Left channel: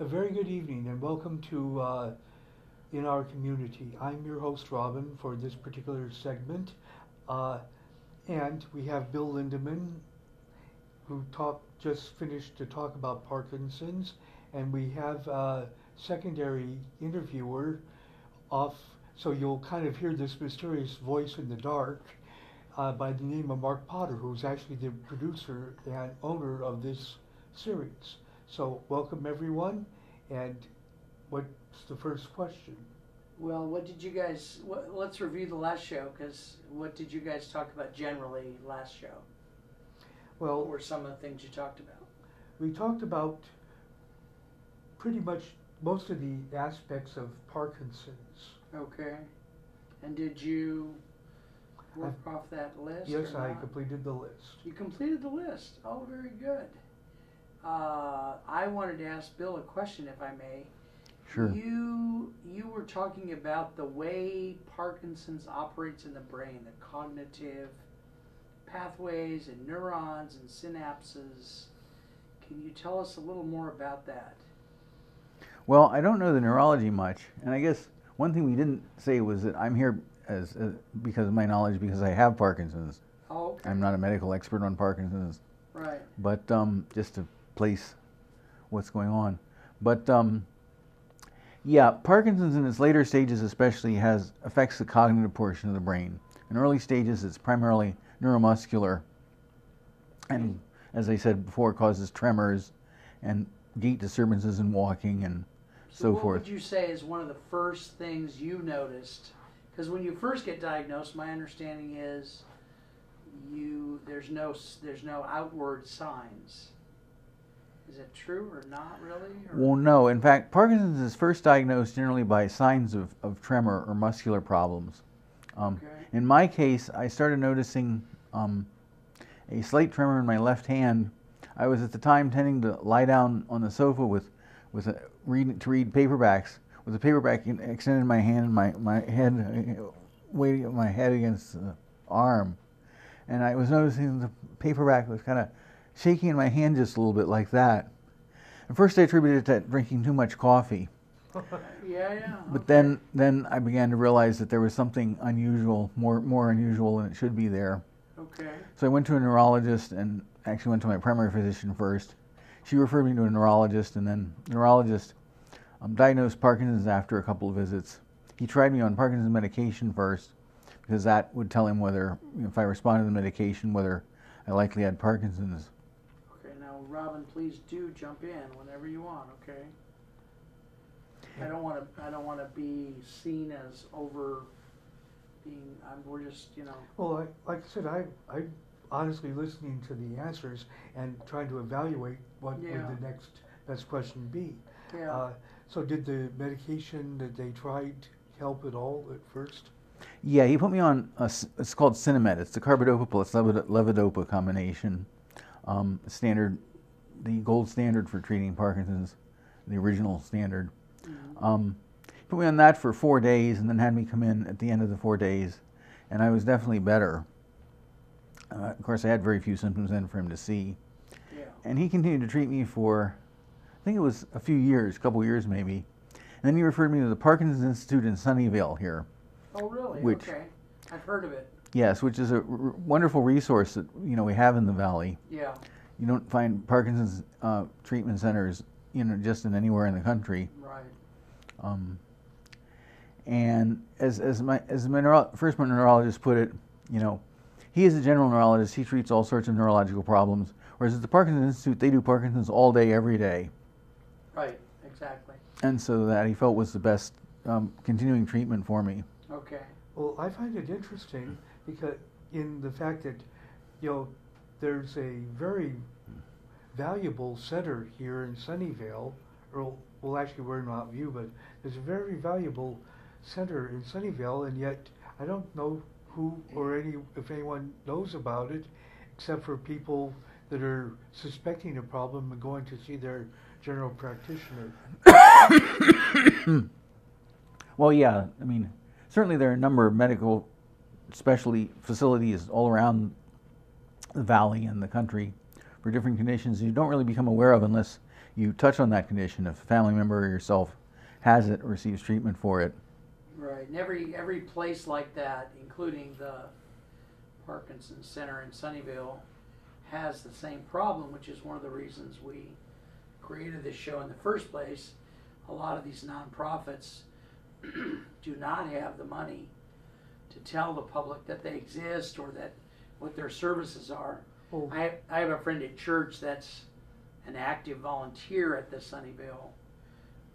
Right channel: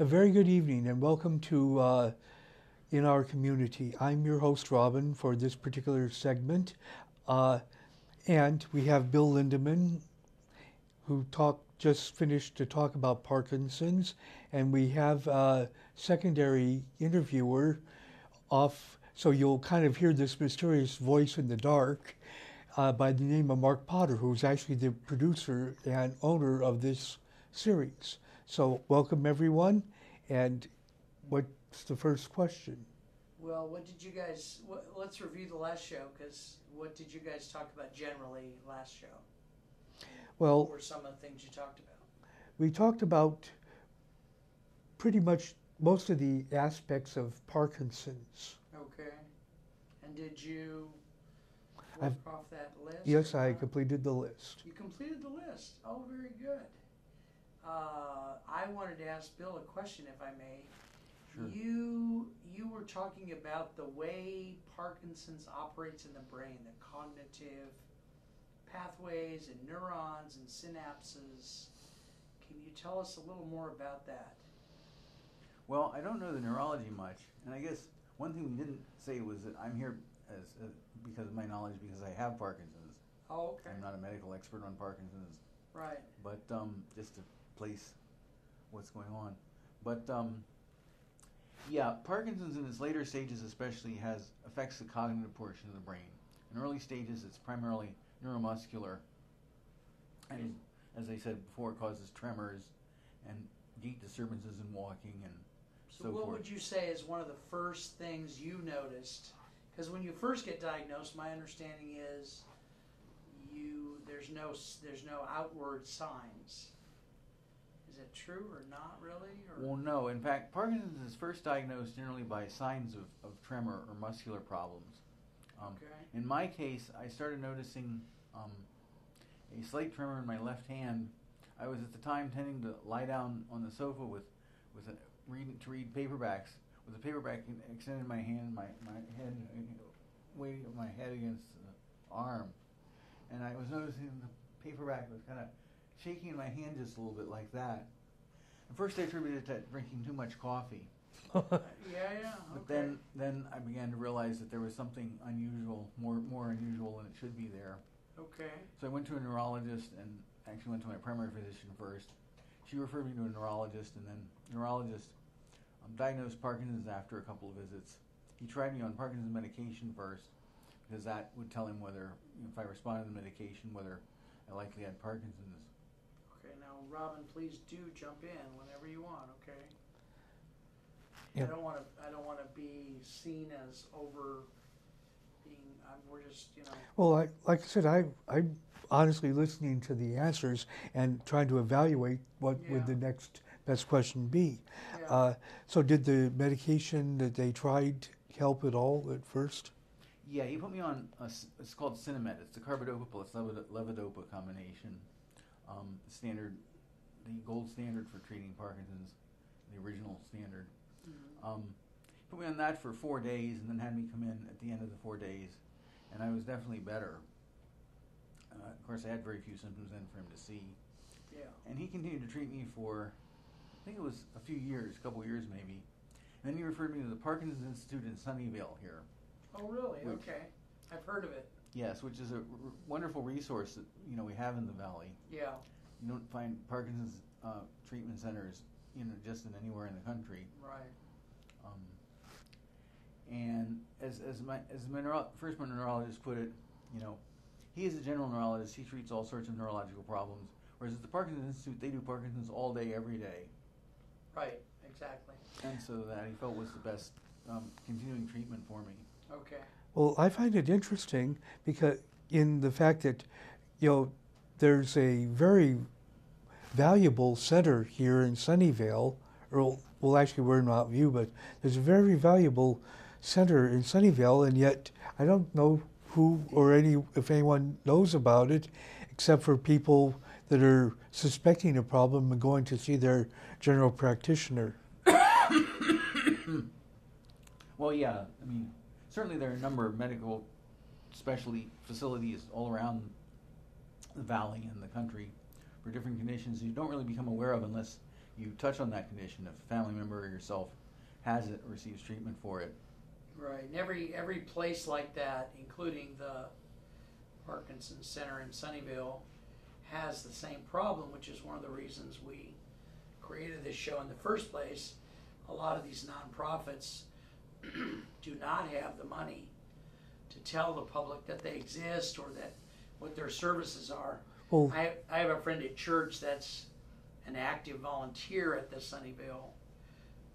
A very good evening and welcome to In Our Community. I'm your host, Robin, for this particular segment. Uh, and we have Bill Lindemann, who just finished to talk about Parkinson's. And we have a secondary interviewer off, so you'll kind of hear this mysterious voice in the dark by the name of Mark Potter, who's actually the producer and owner of this series. So welcome everyone, and what's the first question? Well, let's review the last show, because what did you guys talk about generally last show? Well, what were some of the things you talked about? We talked about pretty much most of the aspects of Parkinson's. Okay. And did you work off that list? Yes, I completed the list. You completed the list. Oh, very good. I wanted to ask Bill a question, if I may. Sure. You were talking about the way Parkinson's operates in the brain, the cognitive pathways and neurons and synapses. Can you tell us a little more about that? Well, I don't know the neurology much, and I guess one thing we didn't say was that I'm here because of my knowledge, because I have Parkinson's. Oh, okay. I'm not a medical expert on Parkinson's. Right. But just to place what's going on. But yeah, Parkinson's in its later stages especially affects the cognitive portion of the brain. In early stages, it's primarily neuromuscular, and as I said before, it causes tremors and gait disturbances in walking and so what forth. would you say is one of the first things you noticed? Because when you first get diagnosed, my understanding is there's no outward signs. Is it true or not really? Or? Well, no. In fact, Parkinson's is first diagnosed generally by signs of tremor or muscular problems. Okay. In my case, I started noticing a slight tremor in my left hand. I was at the time tending to lie down on the sofa to read paperbacks, with a paperback extended in my hand, and my head weighting my head against the arm, and I was noticing the paperback was kind of shaking in my hand just a little bit like that. At first, I attributed it to drinking too much coffee. Yeah. But okay. then I began to realize that there was something unusual, more unusual than it should be there. Okay. So I went to a neurologist, and actually went to my primary physician first. She referred me to a neurologist, and then the neurologist diagnosed Parkinson's after a couple of visits. He tried me on Parkinson's medication first, because that would tell him whether, if I responded to the medication, whether I likely had Parkinson's. Okay, now Robin, please do jump in whenever you want. Okay. Yeah. I don't want to be seen as over being. We're just, Well, like I said, I'm honestly listening to the answers and trying to evaluate what would the next best question be. Yeah. So did the medication that they tried help at all at first? Yeah, he put me on, it's called Cinemed. It's the carbidopa plus levodopa combination. The gold standard for treating Parkinson's, the original standard. Mm-hmm. He put me on that for 4 days, and then had me come in at the end of the 4 days, and I was definitely better. Of course, I had very few symptoms then for him to see. Yeah. And he continued to treat me for, I think it was a few years, a couple of years maybe. And then he referred me to the Parkinson's Institute in Sunnyvale here. Oh, really? Okay. I've heard of it. Yes, which is a wonderful resource that we have in the valley. Yeah. You don't find Parkinson's treatment centers, just in anywhere in the country. Right. And as my first neurologist put it, he is a general neurologist. He treats all sorts of neurological problems. Whereas at the Parkinson's Institute, they do Parkinson's all day, every day. Right. Exactly. And so that he felt was the best continuing treatment for me. Okay. Well, I find it interesting because in the fact that, there's a very valuable center here in Sunnyvale, or well, actually we're in Mount View, but there's a very valuable center in Sunnyvale, and yet I don't know who or if anyone knows about it, except for people that are suspecting a problem and going to see their general practitioner. Well, yeah, certainly there are a number of medical specialty facilities all around the valley and the country for different conditions you don't really become aware of unless you touch on that condition if a family member or yourself has it or receives treatment for it. Right, and every place like that, including the Parkinsons Center in Sunnyvale, has the same problem, which is one of the reasons we created this show in the first place. A lot of these nonprofits do not have the money to tell the public that they exist or that what their services are. Well, I have a friend at church that's an active volunteer at the Sunnyvale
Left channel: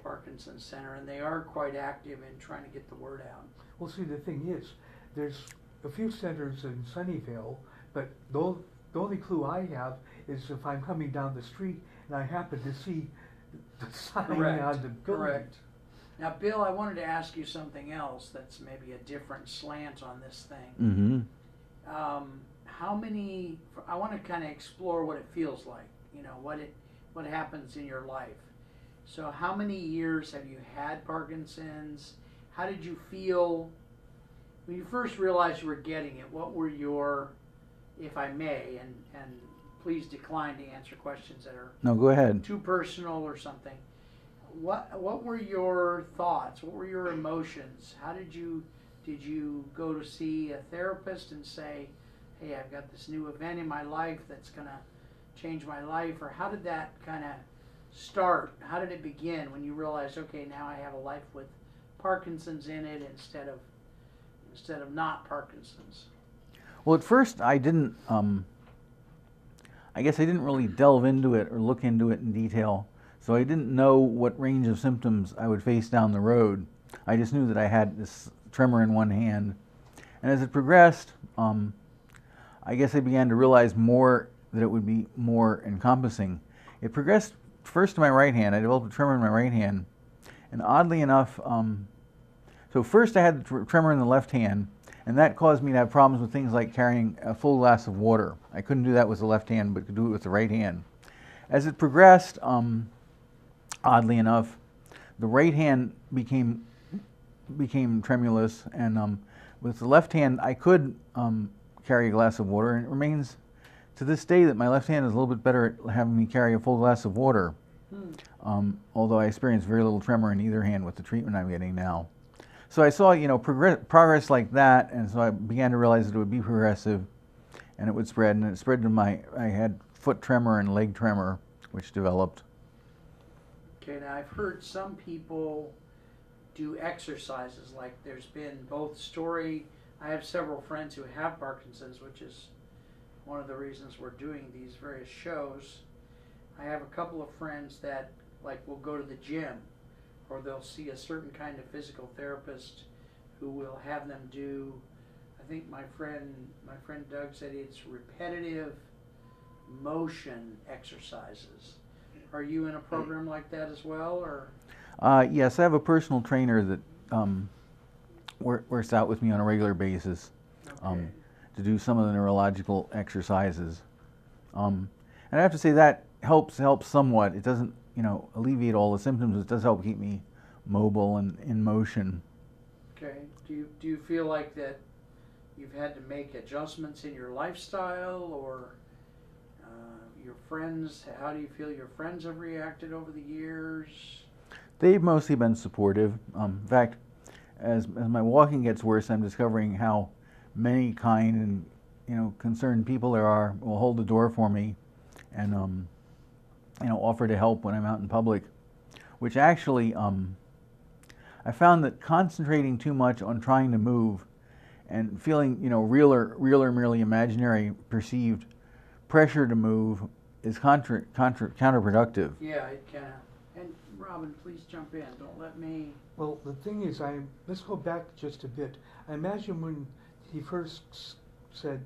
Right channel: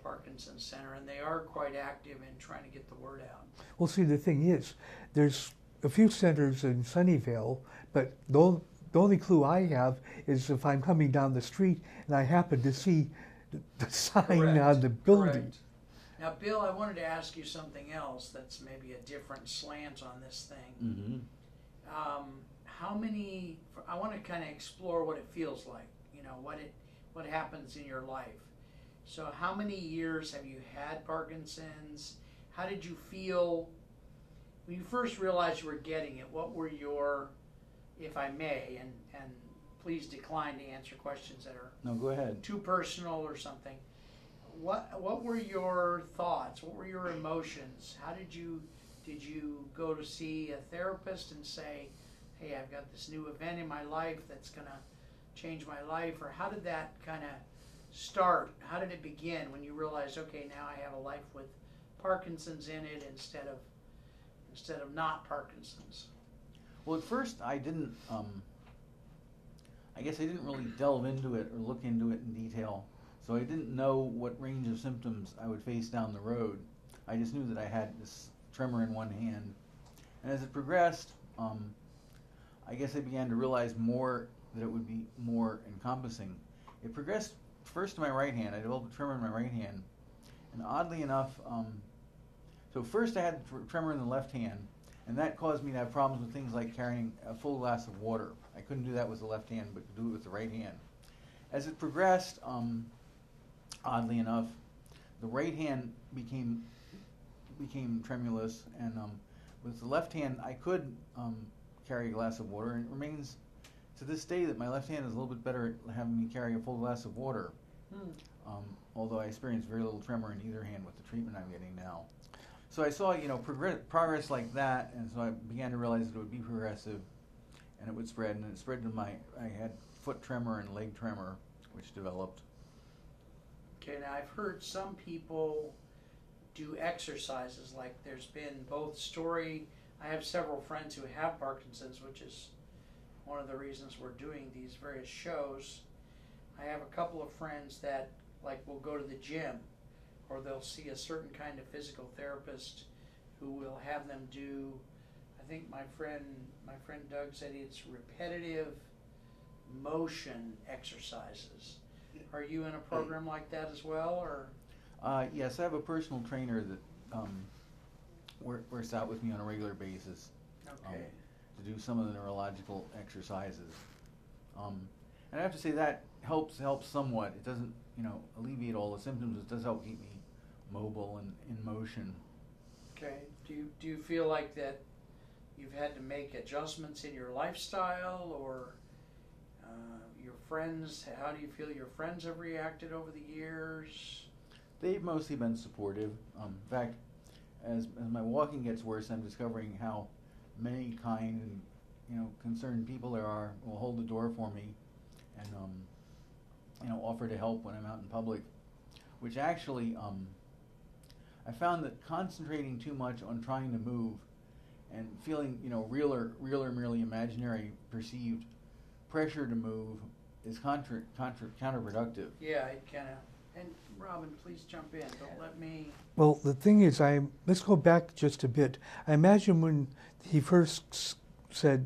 Parkinsons Center, and they are quite active in trying to get the word out. well, see, the thing is, there's a few centers in Sunnyvale, but the only clue I have is if I'm coming down the street and I happen to see the sign Correct. on the building. Correct. Now, Bill, I wanted to ask you something else that's maybe a different slant on this thing. Mm-hmm. How many? I want to kind of explore what it feels like. You know, what happens in your life. So, how many years have you had Parkinson's? How did you feel when you first realized you were getting it? What were your, if I may, and please decline to answer questions that are No, go ahead. too personal or something. What were your thoughts? What were your emotions? How did you go to see a therapist and say, hey, I've got this new event in my life that's going to change my life? Or how did that kind of start? How did it begin when you realized, okay, now I have a life with Parkinson's in it instead of not Parkinson's? Well, at first I didn't, I guess I didn't really delve into it or look into it in detail. So I didn't know what range of symptoms I would face down the road. I just knew that I had this tremor in one hand. And as it progressed, I guess I began to realize more that it would be more encompassing. It progressed first to my right hand. I developed a tremor in my right hand. And oddly enough, so first I had the tremor in the left hand, and that caused me to have problems with things like carrying a full glass of water. I couldn't do that with the left hand, but could do it with the right hand. As it progressed, oddly enough, the right hand became tremulous, and with the left hand I could carry a glass of water, and it remains to this day that my left hand is a little bit better at having me carry a full glass of water, although I experience very little tremor in either hand with the treatment I'm getting now. So I saw, progress like that, and so I began to realize that it would be progressive, and it would spread, and it spread to I had foot tremor and leg tremor, which developed. Okay, now I've heard some people do exercises, like there's been both story. I have several friends who have Parkinson's, which is one of the reasons we're doing these various shows. I have a couple of friends that will go to the gym, or they'll see a certain kind of physical therapist who will have them do, I think my friend Doug said it's repetitive motion exercises. Are you in a program like that as well, or? Yes, I have a personal trainer that works out with me on a regular basis to do some of the neurological exercises. And I have to say that helps somewhat. It doesn't, alleviate all the symptoms. It does help keep me mobile and in motion. Okay. Do you feel like that you've had to make adjustments in your lifestyle, or your friends? How do you feel your friends have reacted over the years? They've mostly been supportive. In fact, as my walking gets worse, I'm discovering how many kind and concerned people there are who will hold the door for me and offer to help when I'm out in public. Which actually, I found that concentrating too much on trying to move and feeling real or merely imaginary perceived pressure to move is counterproductive. Yeah, it can. And Robin, please jump in. Don't let me. Well, the thing is, let's go back just a bit. I imagine when he first said,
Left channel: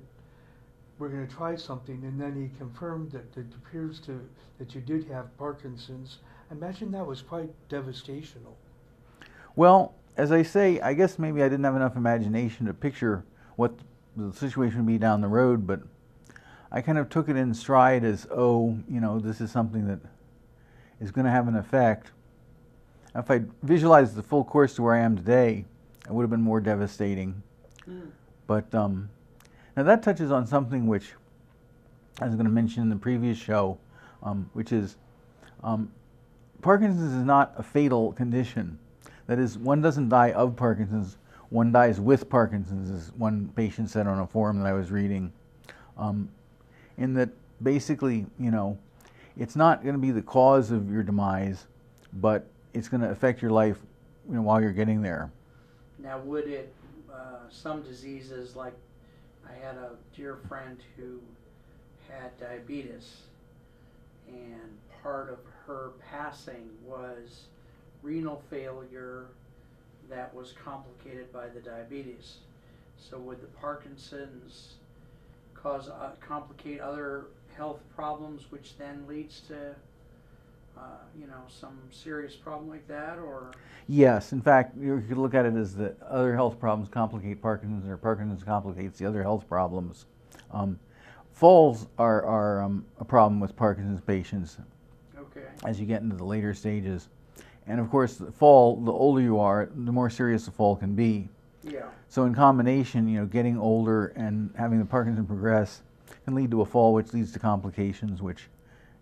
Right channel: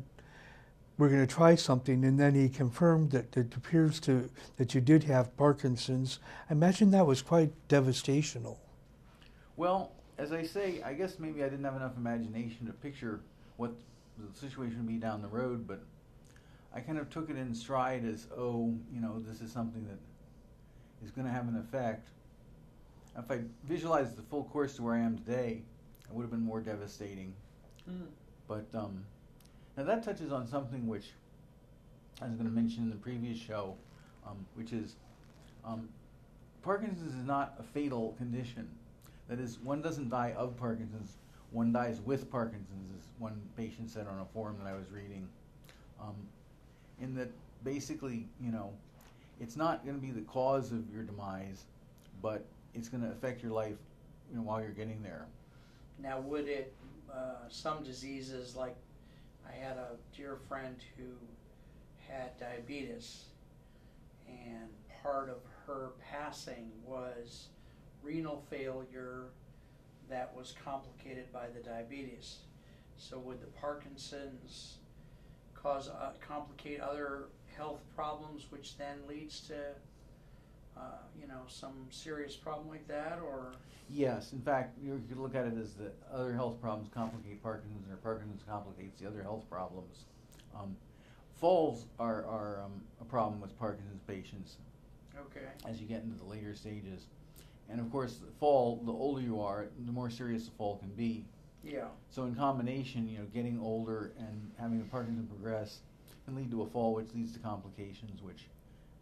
we're going to try something, and then he confirmed that it appears that you did have Parkinson's, I imagine that was quite devastational. Well, as I say, I guess maybe I didn't have enough imagination to picture what the situation would be down the road, but I kind of took it in stride as, this is something that is going to have an effect. If I visualized the full course to where I am today, it would have been more devastating. But now that touches on something which I was going to mention in the previous show, which is Parkinson's is not a fatal condition. That is, one doesn't die of Parkinson's, one dies with Parkinson's, as one patient said on a forum that I was reading. In that, basically, you know, it's not going to be the cause of your demise, but it's going to affect your life, you know, while you're getting there. Now, would it, some diseases, like I had a dear friend who had diabetes, and part of her passing was renal failure that was complicated by the diabetes. So would the Parkinson's cause complicate other health problems, which then leads to you know, some serious problem like that? Or Yes, in fact, you could look at it as the other health problems complicate Parkinson's, or Parkinson's complicates the other health problems. Falls are a problem with Parkinson's patients. Okay. As you get into the later stages. And of course, the fall, the older you are, the more serious the fall can be. Yeah. So in combination, you know, getting older and having the Parkinson progress can lead to a fall, which leads to complications which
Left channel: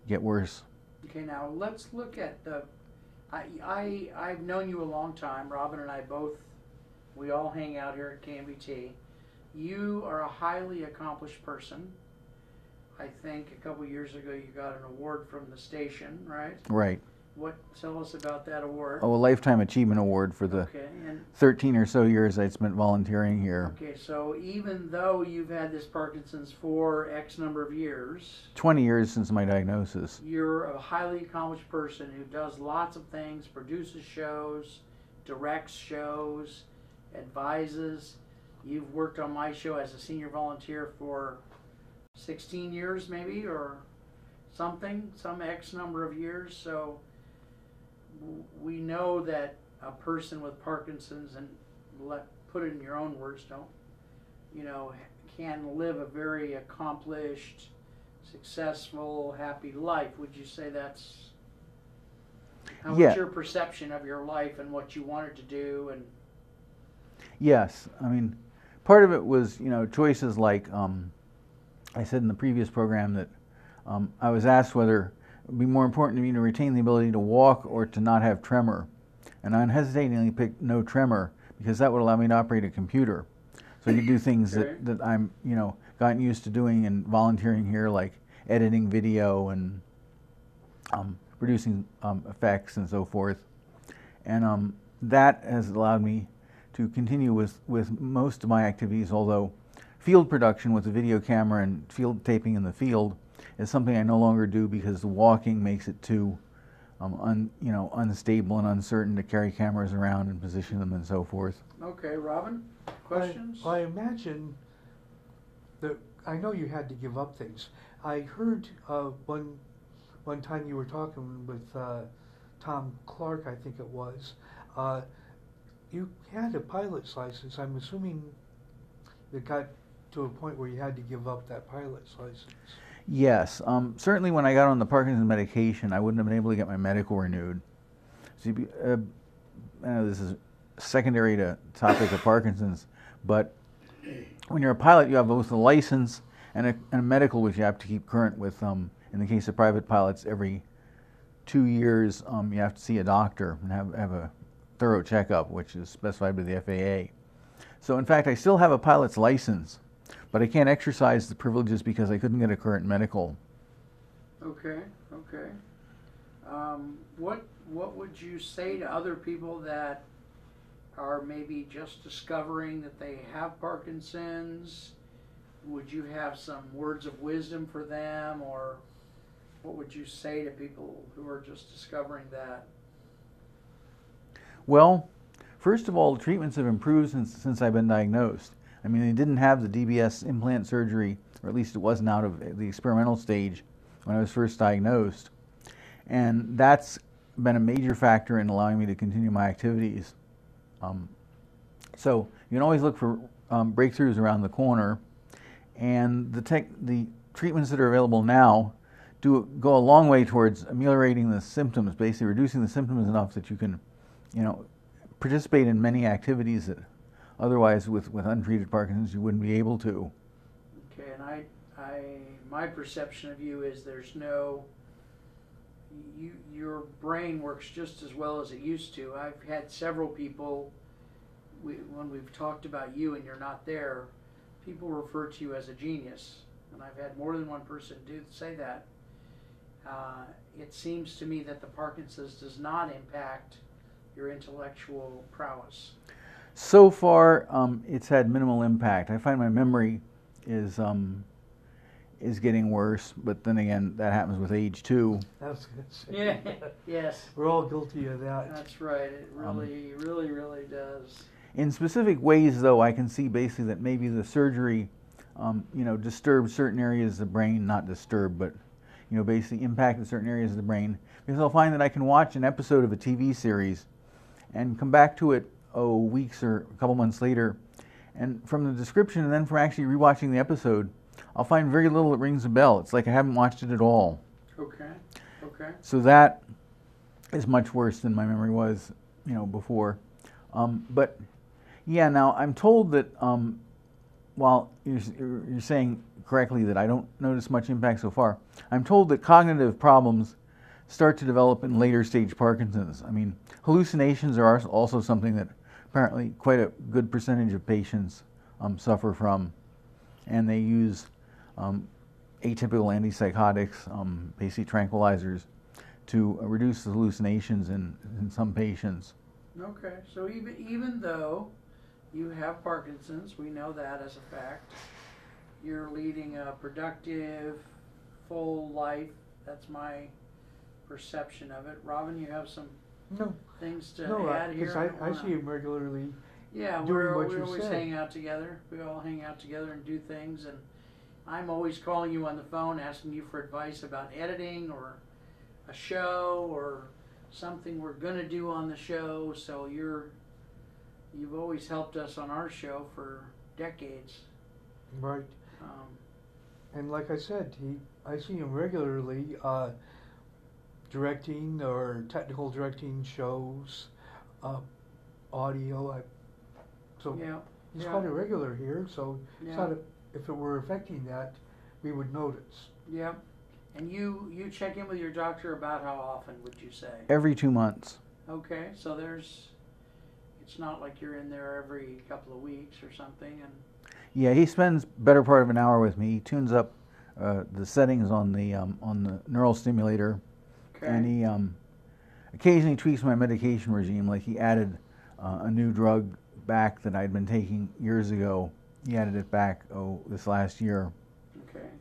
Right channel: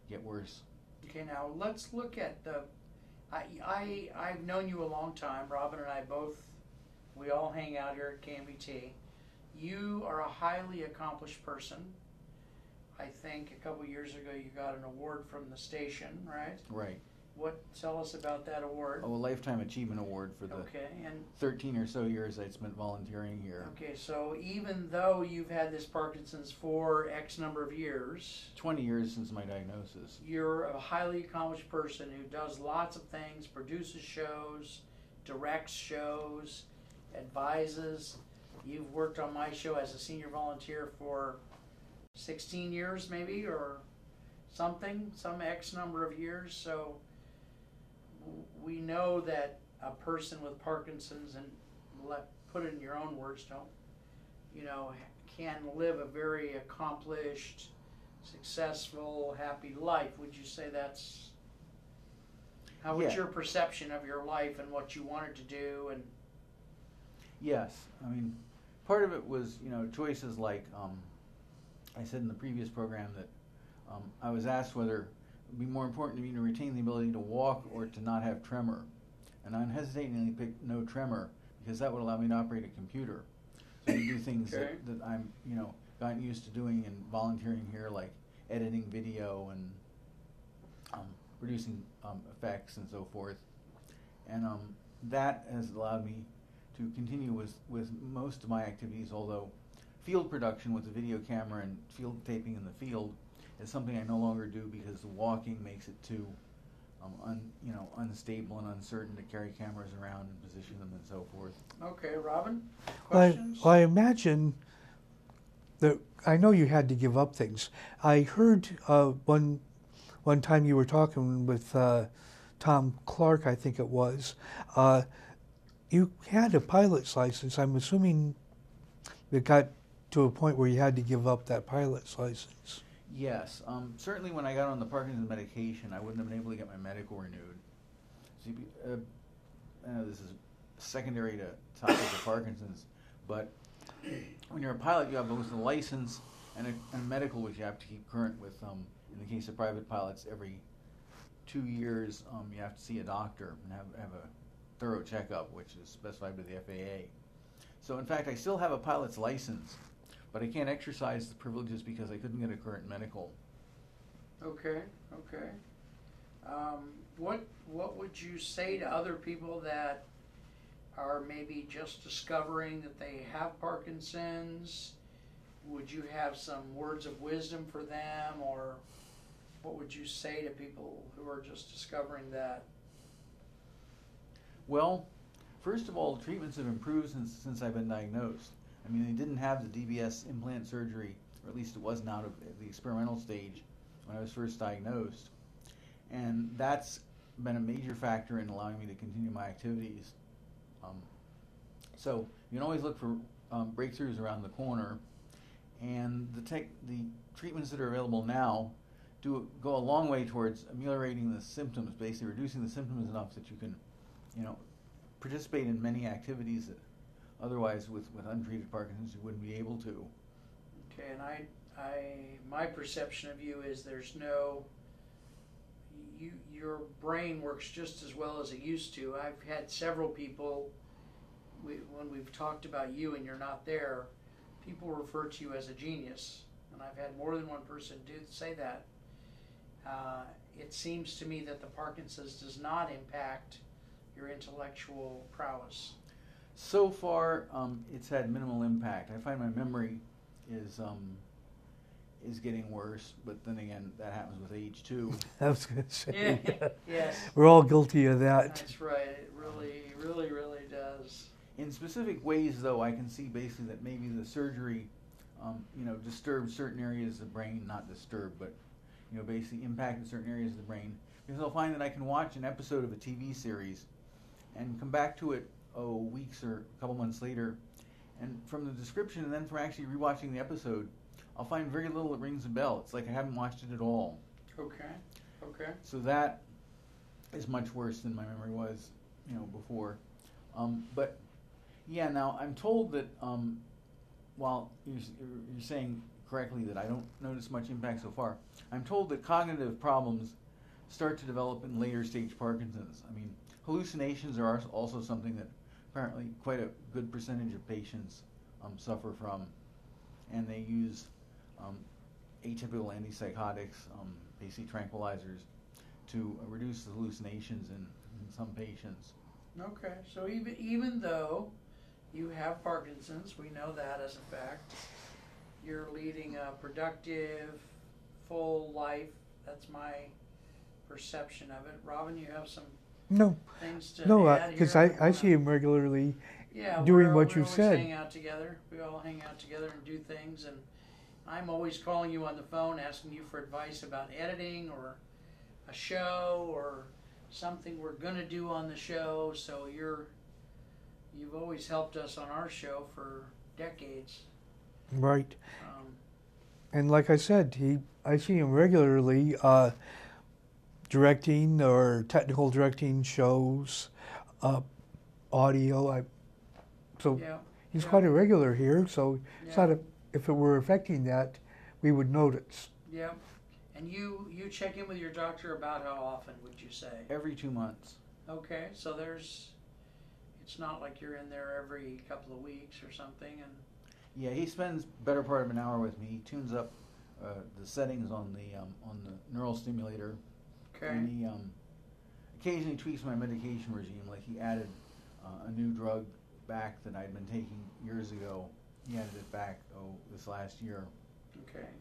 get worse. Okay, now let's look at the, I've known you a long time. Robin and I both, we all hang out here at KMVT. You are a highly accomplished person. I think a couple years ago you got an award from the station, right? Right. What, tell us about that award. Oh, a Lifetime Achievement Award for the Okay, and 13 or so years I'd spent volunteering here. okay, so even though you've had this Parkinson's for X number of years, 20 years since my diagnosis. you're a highly accomplished person who does lots of things, produces shows, directs shows, advises. You've worked on my show as a senior volunteer for 16 years maybe, or something, some X number of years. So we know that a person with Parkinson's, and put it in your own words, don't, you know, can live a very accomplished, successful, happy life. Would you say that's, how was your perception of your life and what you wanted to do? And Yes, I mean, part of it was, you know, choices like, I said in the previous program that I was asked whether it would be more important to me to retain the ability to walk or to not have tremor. And I unhesitatingly picked no tremor because that would allow me to operate a computer. So I could do things that I'm, you know, gotten used to doing and volunteering here, like editing video and producing effects and so forth. And that has allowed me to continue with most of my activities, although field production with the video camera and field taping in the field is something I no longer do because the walking makes it too unstable and uncertain to carry cameras around and position them and so forth. okay, Robin, questions? I imagine that, I know you had to give up things. I heard one time you were talking with Tom Clark, I think it was. You had a pilot's license. I'm assuming it got to a point where you had to give up that pilot's license. Yes, certainly when I got on the Parkinson's medication, I wouldn't have been able to get my medical renewed. So I know this is secondary to topic of Parkinson's, but when you're a pilot, you have both a license and a medical, which you have to keep current with. In the case of private pilots, every 2 years, you have to see a doctor and have a thorough checkup, which is specified by the FAA. So in fact, I still have a pilot's license, but I can't exercise the privileges because I couldn't get a current medical. Okay, okay. What would you say to other people that are maybe just discovering that they have Parkinson's? Would you have some words of wisdom for them, or what would you say to people who are just discovering that? Well, first of all, treatments have improved since I've been diagnosed. I mean, they didn't have the DBS implant surgery, or at least it wasn't out of the experimental stage when I was first diagnosed. And that's been a major factor in allowing me to continue my activities. So you can always look for breakthroughs around the corner, and the treatments that are available now go a long way towards ameliorating the symptoms, basically reducing the symptoms enough that you can, you know, participate in many activities that otherwise with untreated Parkinson's you wouldn't be able to. Okay, and my perception of you is there's no, your brain works just as well as it used to. I've had several people, when we've talked about you and you're not there, people refer to you as a genius, and I've had more than one person say that. It seems to me that the Parkinson's does not impact your intellectual prowess. So far, it's had minimal impact. I find my memory is getting worse, but then again, that happens with age too. I was going to say. Yeah. Yes. We're all guilty of that. That's right. It really does. In specific ways, though, I can see basically that maybe the surgery, disturbed certain areas of the brain, not disturbed, but, basically impacted certain areas of the brain. Because I'll find that I can watch an episode of a TV series and come back to it, weeks or a couple months later, and from the description and then from actually rewatching the episode, I'll find very little that rings a bell. It's like I haven't watched it at all. Okay. So that is much worse than my memory was, before. But yeah, now I'm told that while you're saying correctly that I don't notice much impact so far, I'm told that cognitive problems start to develop in later stage Parkinson's. I mean, hallucinations are also something that apparently quite a good percentage of patients suffer from, and they use atypical antipsychotics, basically tranquilizers, to reduce the hallucinations in some patients. Okay, so even though you have Parkinson's, we know that as a fact, you're leading a productive, full life. That's my perception of it. Robin, you have some things to add here? Because I see him regularly doing what you said. We always hang out together. We all hang out together and do things, and I'm always calling you on the phone asking you for advice about editing or a show or something we're going to do on the show. So you've always helped us on our show for decades. Right. And like I said, I see him regularly directing or technical directing shows, audio. He's quite a regular here, so it's not if it were affecting that, we would notice. Yep. And you check in with your doctor about how often, would you say? Every 2 months. Okay, so it's not like you're in there every couple of weeks or something. And yeah, he spends better part of an hour with me. He tunes up the settings on the neural stimulator, and he occasionally tweaks my medication regime. Like he added a new drug back that I'd been taking years ago. He added it back this last year,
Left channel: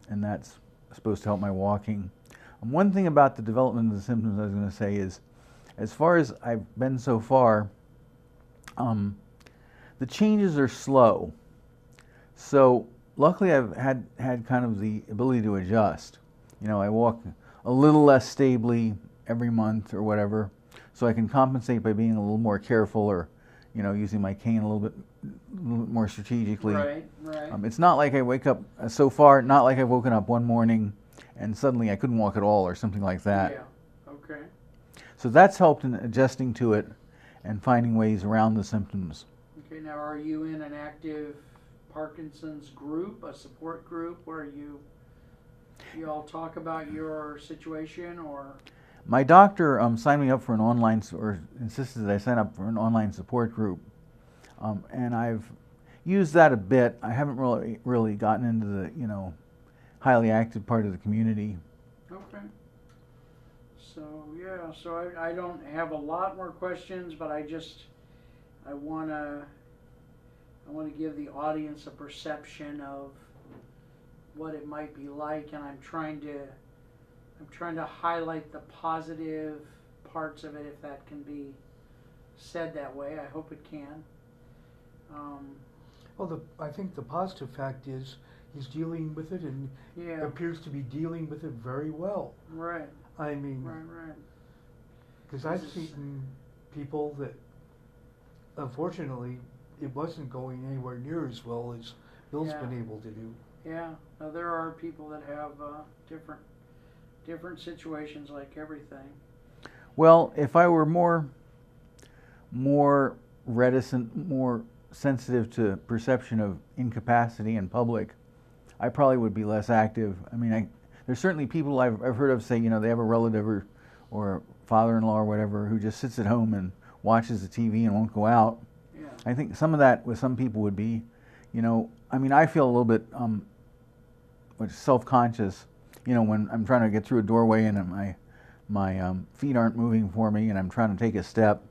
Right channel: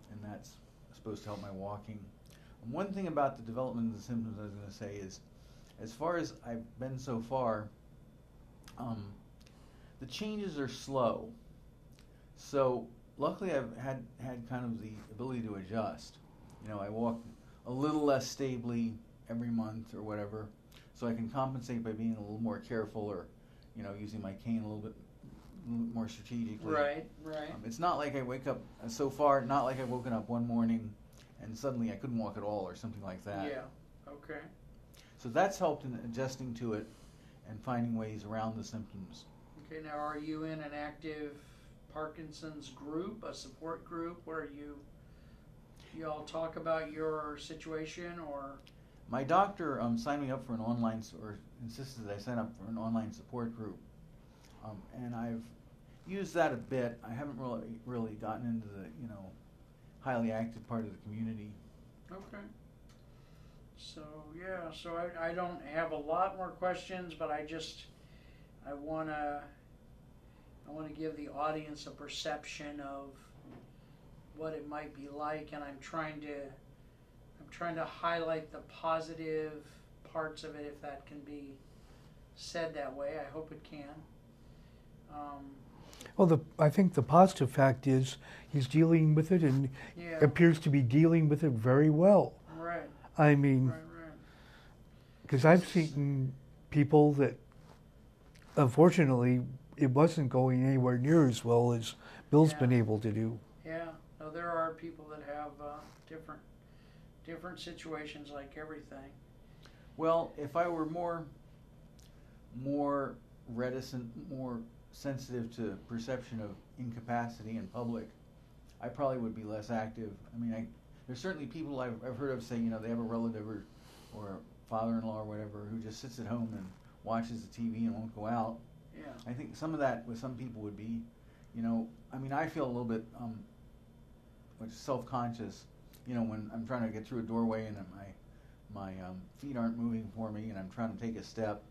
and that's supposed to help my walking. One thing about the development of the symptoms I was going to say is, as far as I've been so far, the changes are slow. So luckily I've had kind of the ability to adjust. I walk a little less stably every month or whatever, so I can compensate by being a little more careful or, using my cane a little bit more strategically. Right. It's not like I wake up, so far, not like I've woken up one morning and suddenly I couldn't walk at all or something like that. Yeah, okay. So that's helped in adjusting to it and finding ways around the symptoms. Okay, now are you in an active Parkinson's group, a support group, where you all talk about your situation, or? My doctor signed me up for an online, or insisted that I sign up for an online support group, and I've used that a bit. I haven't really gotten into the highly active part of the community. Okay. So yeah, so I don't have a lot more questions, but I want to give the audience a perception of what it might be like, and I'm trying to highlight the positive parts of it, if that can be said that way. I hope it can. Well, I think the positive fact is he's dealing with it and appears to be dealing with it very well. Right. I mean, right. Because I've seen people that, unfortunately, it wasn't going anywhere near as well as Bill's been able to do. Yeah. Now, there are people that have different situations, like everything. Well, if I were more reticent, more sensitive to perception of incapacity in public, I probably would be less active. I mean, there's certainly people I've heard of say, they have a relative or father-in-law or whatever who just sits at home and watches the TV and won't go out. Yeah. I think some of that with some people would be, I mean, I feel a little bit self-conscious, when I'm trying to get through a doorway and my feet aren't moving for me and I'm trying to take a step.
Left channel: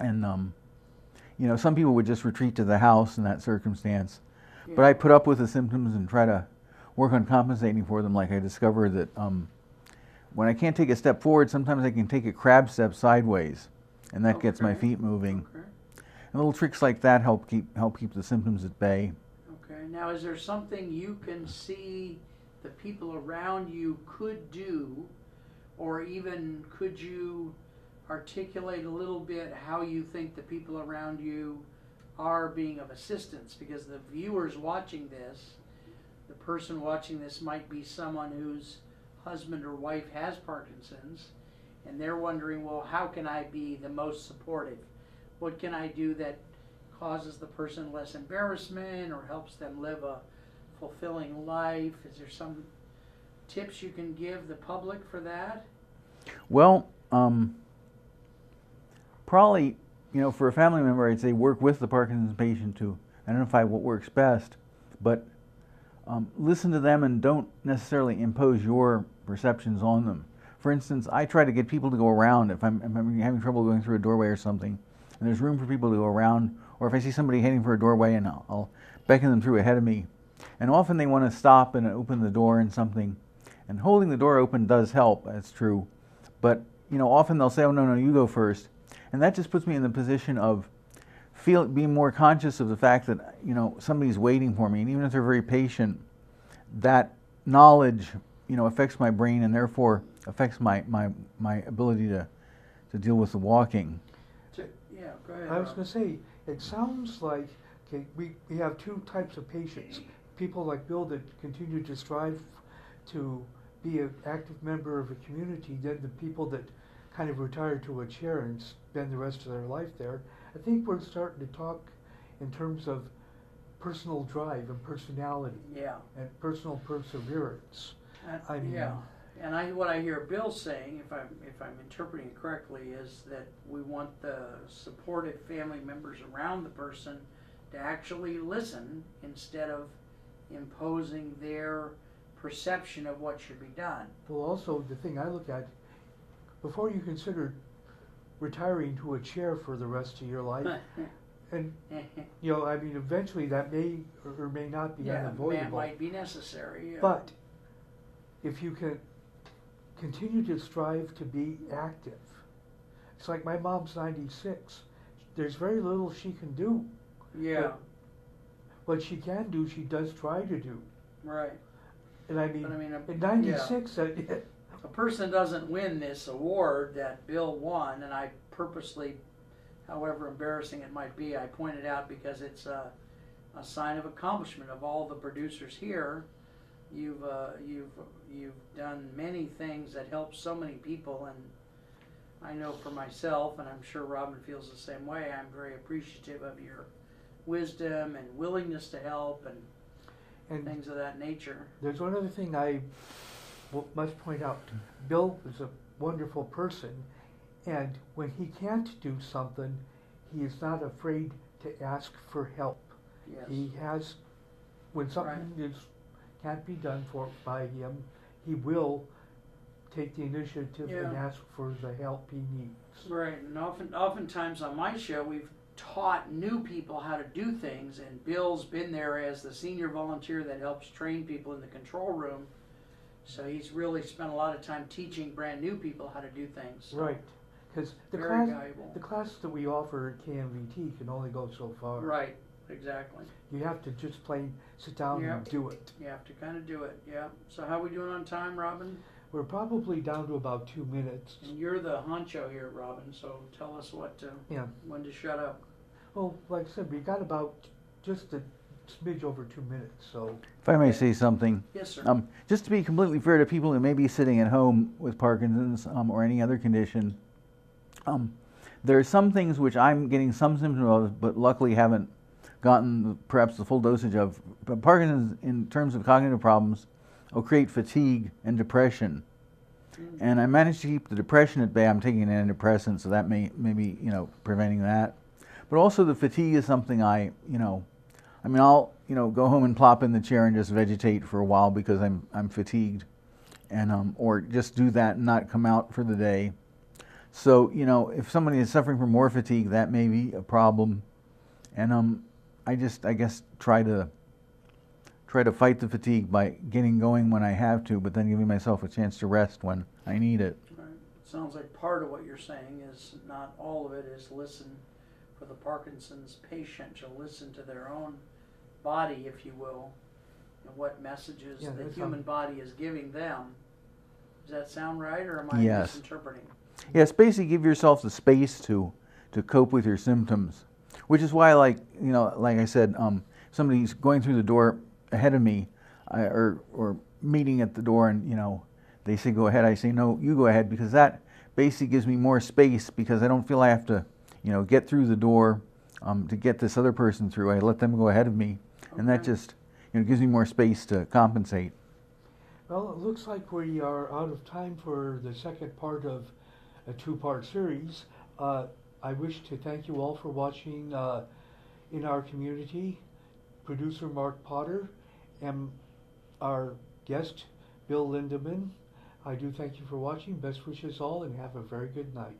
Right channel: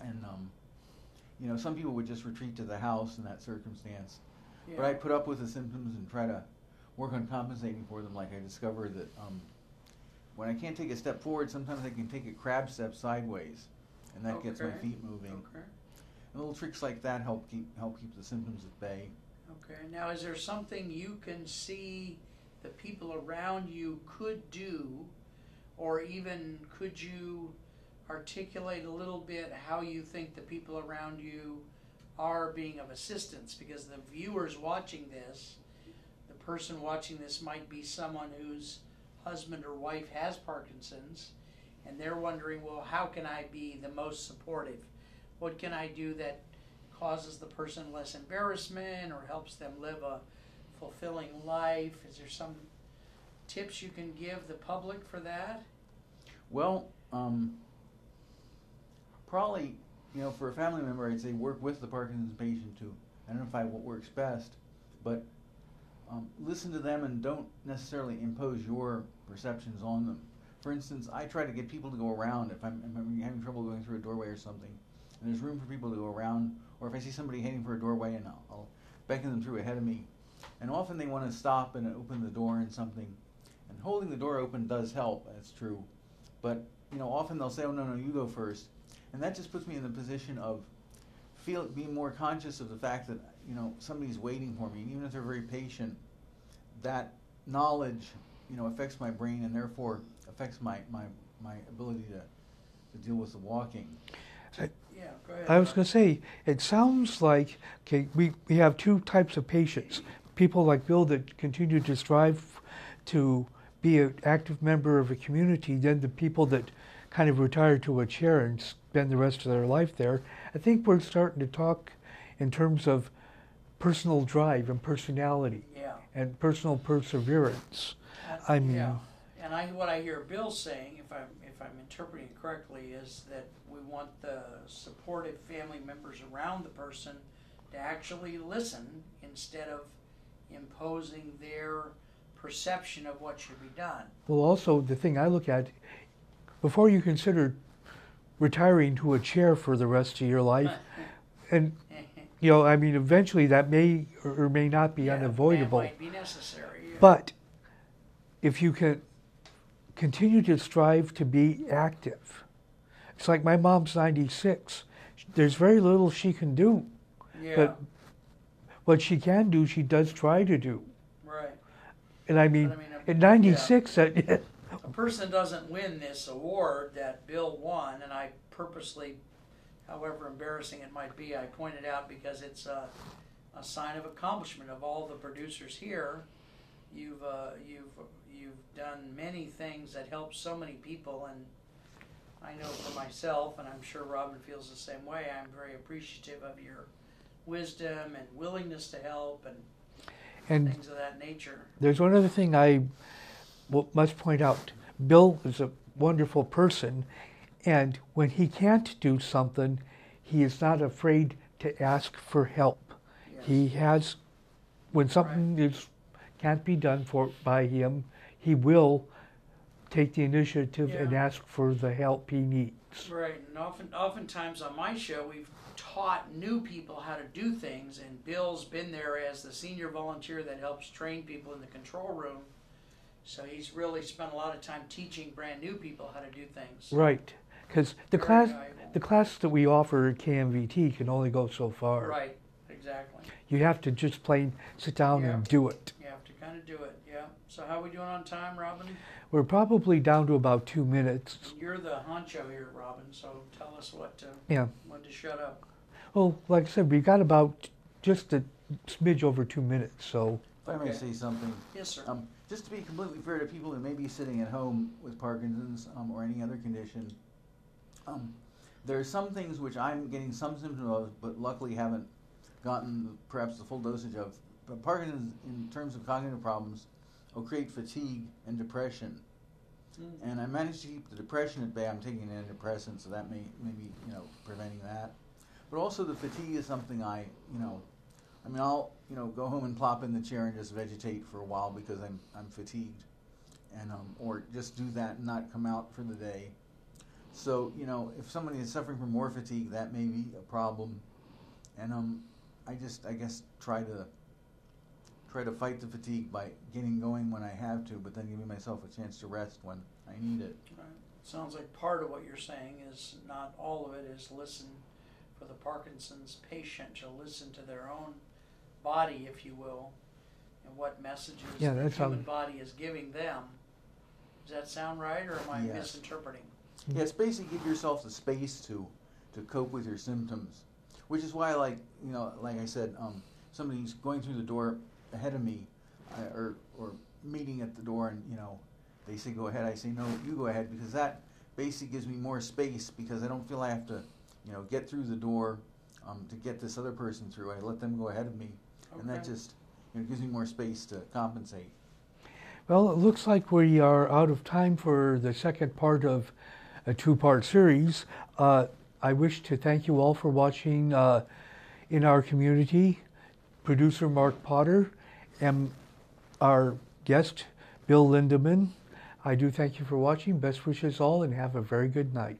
And, some people would just retreat to the house in that circumstance. Yeah. But I put up with the symptoms and try to work on compensating for them. Like I discovered that when I can't take a step forward, sometimes I can take a crab step sideways, and that gets my feet moving. Okay. And little tricks like that help keep the symptoms at bay. Okay. Now, is there something you can see the people around you could do, or even could you articulate a little bit how you think the people around you are being of assistance? Because the viewers watching this, the person watching this might be someone whose husband or wife has Parkinson's, and they're wondering, well, how can I be the most supportive? What can I do that causes the person less embarrassment or helps them live a fulfilling life? Is there some tips you can give the public for that? Well, probably, for a family member, I'd say work with the Parkinson's patient to identify what works best, but listen to them and don't necessarily impose your perceptions on them. For instance, I try to get people to go around if I'm having trouble going through a doorway or something, and there's room for people to go around, or if I see somebody heading for a doorway, and I'll beckon them through ahead of me. And often they want to stop and open the door and something, and holding the door open does help, that's true. But, often they'll say, oh, no, you go first. And that just puts me in the position of being more conscious of the fact that, somebody's waiting for me. And even if they're very patient, that knowledge, affects my brain and therefore affects my ability to deal with the walking. Yeah, go ahead. I was going to say, it sounds like, we have two types of patients. People like Bill that continue to strive to be an active member of a community, then the people that kind of retire to a chair and spend the rest of their life there. I think we're starting to talk in terms of personal drive and personality, Yeah. and personal perseverance. Yeah. And what I hear Bill saying, if I'm interpreting it correctly, is that we want the supportive family members around the person to actually listen instead of imposing their perception of what should be done. Well, also the thing I look at, before you consider retiring to a chair for the rest of your life, and eventually that may or may not be unavoidable. That might be necessary. Yeah. But if you can continue to strive to be active, it's like my mom's 96. There's very little she can do. Yeah. But what she can do, she does try to do. Right. And at 96, a person doesn't win this award that Bill won, and I purposely, however embarrassing it might be, I pointed out because it's a sign of accomplishment of all the producers here. You've done many things that help so many people, and I know for myself, and I'm sure Robin feels the same way, I'm very appreciative of your wisdom and willingness to help and things of that nature. There's one other thing I must point out. Bill is a wonderful person, and when he can't do something, he is not afraid to ask for help. Yes. He has, when something can't be done by him, he will take the initiative and ask for the help he needs. Right, and oftentimes on my show, we've taught new people how to do things, and Bill's been there as the senior volunteer that helps train people in the control room. So he's really spent a lot of time teaching brand new people how to do things. Right, because the class that we offer at KMVT can only go so far. Right, exactly. You have to just plain sit down and do it. You have to kind of do it, yeah. So how are we doing on time, Robin? We're probably down to about 2 minutes. And you're the honcho here, Robin, so tell us when to shut up. Well, like I said, we got about just a smidge over 2 minutes, so. If I may say something. Yes, sir. Just to be completely fair to people who may be sitting at home with Parkinson's or any other condition, there are some things which I'm getting some symptoms of, but luckily haven't gotten perhaps the full dosage of. But Parkinson's, in terms of cognitive problems, will create fatigue and depression. And I managed to keep the depression at bay. I'm taking an antidepressant, so that may be, you know, preventing that. But also the fatigue is something I mean, I'll, you know, go home and plop in the chair and just vegetate for a while because I'm fatigued, and or just do that and not come out for the day. So, you know, if somebody is suffering from more fatigue, that may be a problem. And I guess try to fight the fatigue by getting going when I have to, but then giving myself a chance to rest when I need it. Right. Sounds like part of what you're saying is not all of it is listen for the Parkinson's patient to listen to their own body, if you will, and what messages the human body is giving them. Does that sound right, or am I misinterpreting? Yes, basically give yourself the space to cope with your symptoms, which is why, like, you know, like I said, somebody's going through the door ahead of me, or meeting at the door, and, you know, they say go ahead, I say no, you go ahead, because that basically gives me more space, because I don't feel I have to, you know, get through the door to get this other person through. I let them go ahead of me, and that just, you know, gives me more space to compensate. Well, it looks like we are out of time for the second part of a two-part series. I wish to thank you all for watching In Our Community. Producer Mark Potter and our guest Bill Lindemann. I do thank you for watching. Best wishes all, and have a very good night.